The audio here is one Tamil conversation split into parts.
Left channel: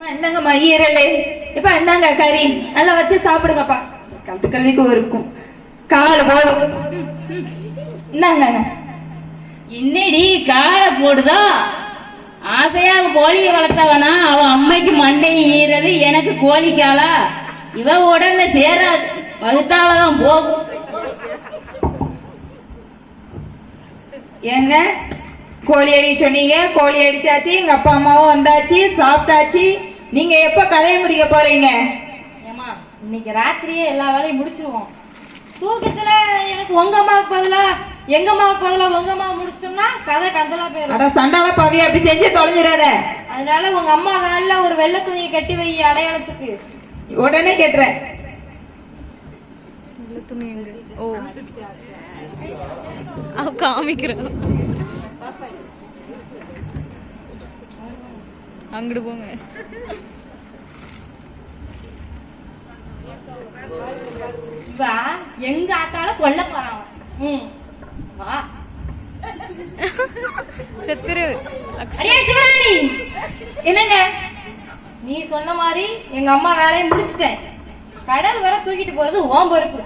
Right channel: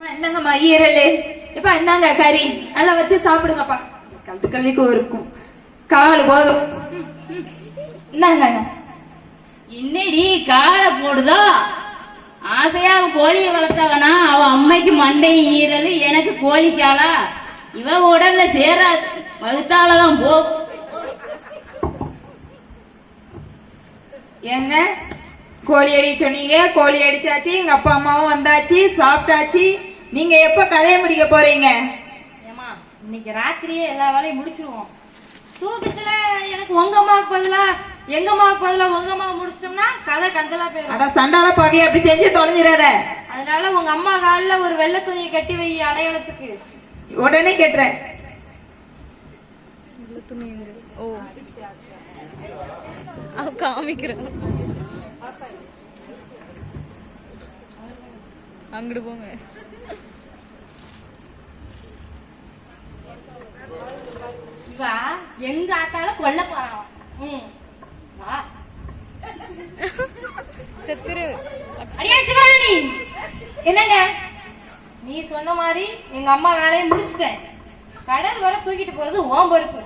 என்னங்கம்மா ஈரல் இப்ப என்னங்க கறி நல்லா வச்சு சாப்பிடுங்கப்பா. கட்டுக்கல்விக்கு இருக்கும் கால் போதும். என்னங்க என்னடி காலை போடுதா? ஆசையா கோழியை வளர்த்தவனா அவ அம்மைக்கு மண்டையும் ஈரல், எனக்கு கோழிக்காலா? இவ உடம்புல சேராது, வகுத்தாவளதான் போகும். ஏங்க கோழி அடி சொன்னீங்க, கோழி அடிச்சாச்சு, எங்க அப்பா அம்மாவும் வந்தாச்சு, சாப்பிட்டாச்சு. நீங்க எப்ப கதையை முடிக்க போறீங்க? ஏமா இன்னைக்கு ராத்திரியே எல்லா வேலையும் முடிச்சிருவோம். தூக்கத்துல எனக்கு உங்க அம்மாவுக்கு பதிலா எங்க அம்மாவுக்கு பதிலா உங்க அம்மா முடிச்சிட்டோம்னா கதை கந்தலா போயிடும். அட சண்டால பாவியா அப்படி செஞ்சு தொலைஞ்சிடாத. அதனால உங்க அம்மா காலில் ஒரு வெள்ளை துணியை கட்டி வை அடையாளத்துக்கு. உடனே கேட்டுறேன். வெள்ளை துணி எங்க? ஓ அவ காமிக்கிறா. அங்கிட்டு போங்க. வா எங்க ஆத்தால கொல்ல போறான். வா செத்துரு. அடியே சிவராணி, என்னங்க நீ சொன்ன மாதிரி எங்க அம்மா வேலையை முடிச்சிட்டேன். கடல் வர தூக்கிட்டு போறது ஓம் பொறுப்பு.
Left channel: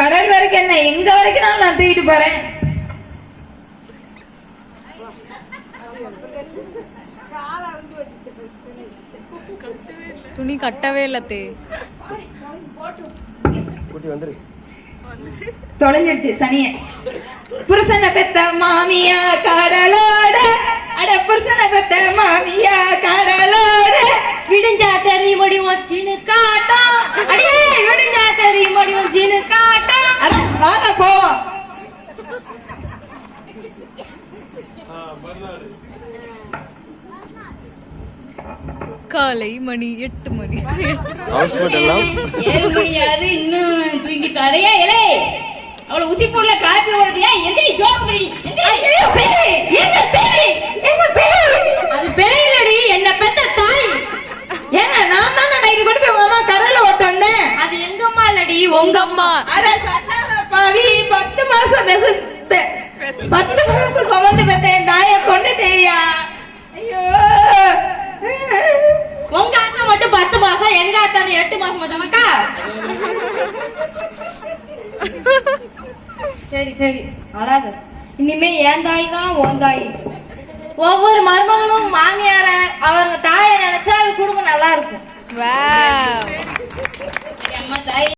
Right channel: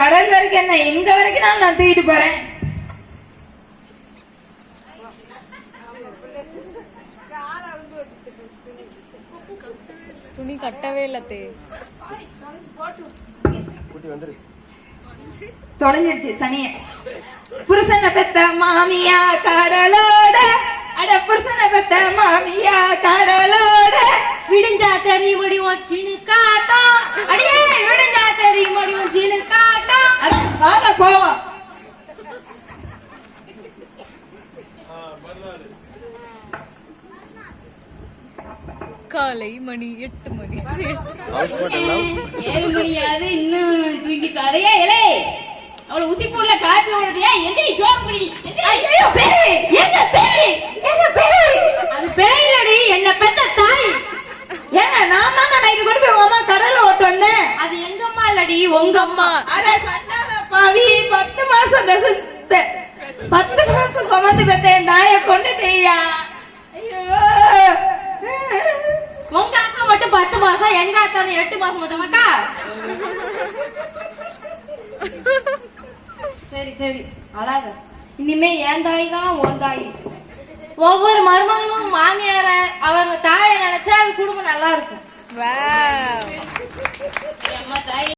கடல் வரைக்கும் என்ன, எங்க வரைக்கும் நான் தூக்கிட்டு போறேன். துணி கட்டவே இல்லத்தே. தொலைஞ்சிருச்சு சனிய. புருஷனை பெத்த மாமியா கடலோட, அட புருஷனை பெத்த மாமியா கடலோட, விடிஞ்சா தெரிய முடியும் சின்ன காட்டம். அடியே விடிஞ்சா தெரிய முடியும் சின்ன காட்டம். வாங்க போவோம். காலை மணி 8 மணி. 7 மணியாவது இன்னும் தூக்கி கதையா? இலே அவளை உசிப்புள்ள காப்பி ஓடுறியா? எந்திரி சோறு பண்ணி. ஐயோ பேய், என்ன பேய், என்ன பேய்? அது பேய் இல்லடி, என்ன பெத்த தாய். ஏங்க நான் தான் நைட்டு கொண்டு போய் உங்க அம்மா கடல்ல ஓட்டு வந்தேன். அது எங்க அம்மா இல்லடி, உங்க அம்மா. அட சண்டால பாவி, 10 மாசம் பெத்த 10 மாசம் சுமந்து பெத்த நாயை கொண்டுட்டேயா. ஐயோ உங்க அக்கா மட்டும் 10 மாசம், எங்க அத்தா 8 மாசம் மச்சமாக்கா. சரி சரி அழாத. இனிமே ஏன் தாய் தான் உன் தாய். ஒவ்வொரு மருமகளும் மாமியார அவங்க தாயை நினைச்சா அது குடும்பம் நல்லா இருக்கும். வாவ். அம்மா தாய்